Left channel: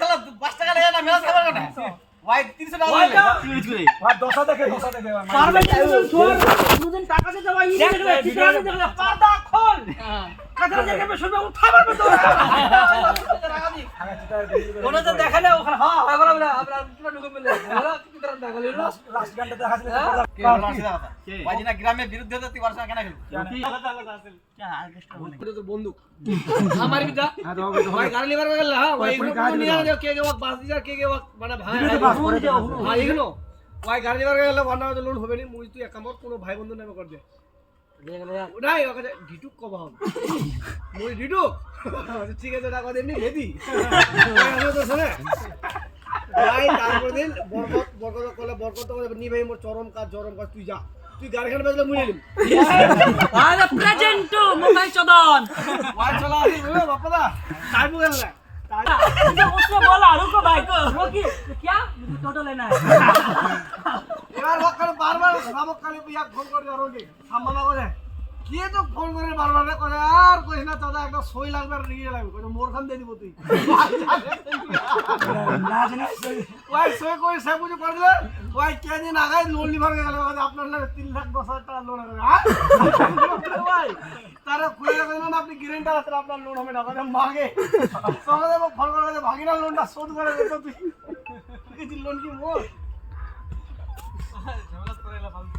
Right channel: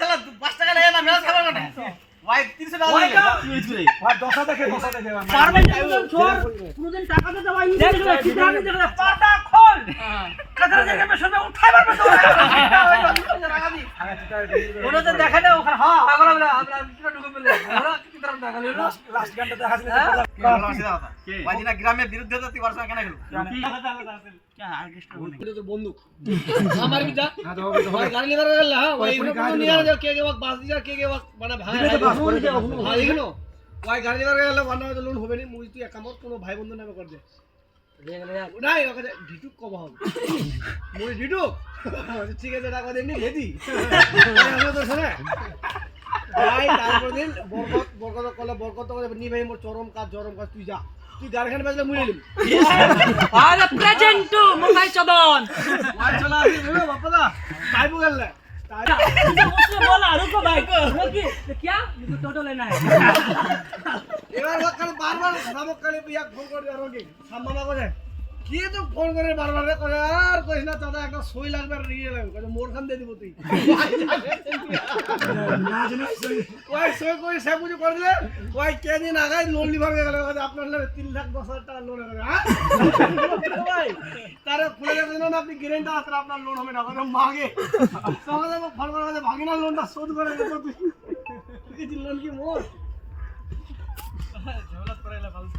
তাহলে 5 টাকা নেয় না মেলা খাবার কেন ভাই 300 টাকা দিলে ভাই দশা দেখে পারবেন দুদিন টাকা দিতে ভাই পাটা খোল কথা দেখে শুনবে উঠাই পারবে তো ওটা তো দেখা না ওখানে হ্যাঁ আগলা বলে আমরা কিটা ঢুকে বলে ওরা কি तरह দেখা লিলো লাস্ট গানটা দেখা দিলে ভাই না গ্রামের বিরুদ্ধে তো তুই করছ কেন খেলু তো বন্ধু আমার বিটা ভাই গাড়ি লিভার গেল হ্যাঁ ভাই নিয়ে যাও কে কে বাস দিরা কে কে মানে ভাই হ্যাঁ এগুলো ভাই গাড়ি লিভার গেল বানা লোন হবে নি মুই তুই একামত কোনো ভাই বন্ধু নামে কর দে নাই ওকে ডিটুক কব হবে মুই ডিটুক ঠিক আছে টাকা দেনি রেডি আমি তো শুনে ভাই তারপর দিন বরকত কলে বরকত নি ভাই মোর চরম কাজ তুই যা তুই গাড়িখান বাজলে মুই নিলাম আরে প্রেজেন্ট মোবাইল চদন ভাই চলা আসি বাপাদা কাই বগল না उसको बोला रुको भाई को रुकी क्या टोटो लेना है এবার ওখানে বারবার সামক কালে পিয়া ফোন করে রোগী সামনা করে কি তো ফোন করে বারবার করে আর কইস না দাদা একটা সই লাগবে আর নিয়ে লাগবে কই মোর খান দে দিব তুই না জানি ওই সই কই সে বুঝি করলে ওই কে দিন আগাই লোন লিভার গেল আপনার নামে 3,10,000 টাকা লোন হবে হ্যাঁ ভাই তারা খুলে গেছেন না আপনি গ্যারান্টি আছে আপনার লোন হবে না কথা মাগে সঙ্গে ফোন করে ভাগিনা লোনটা শোধ করে দে তুই লোন কি মোর ঝামেলা করে ফালতু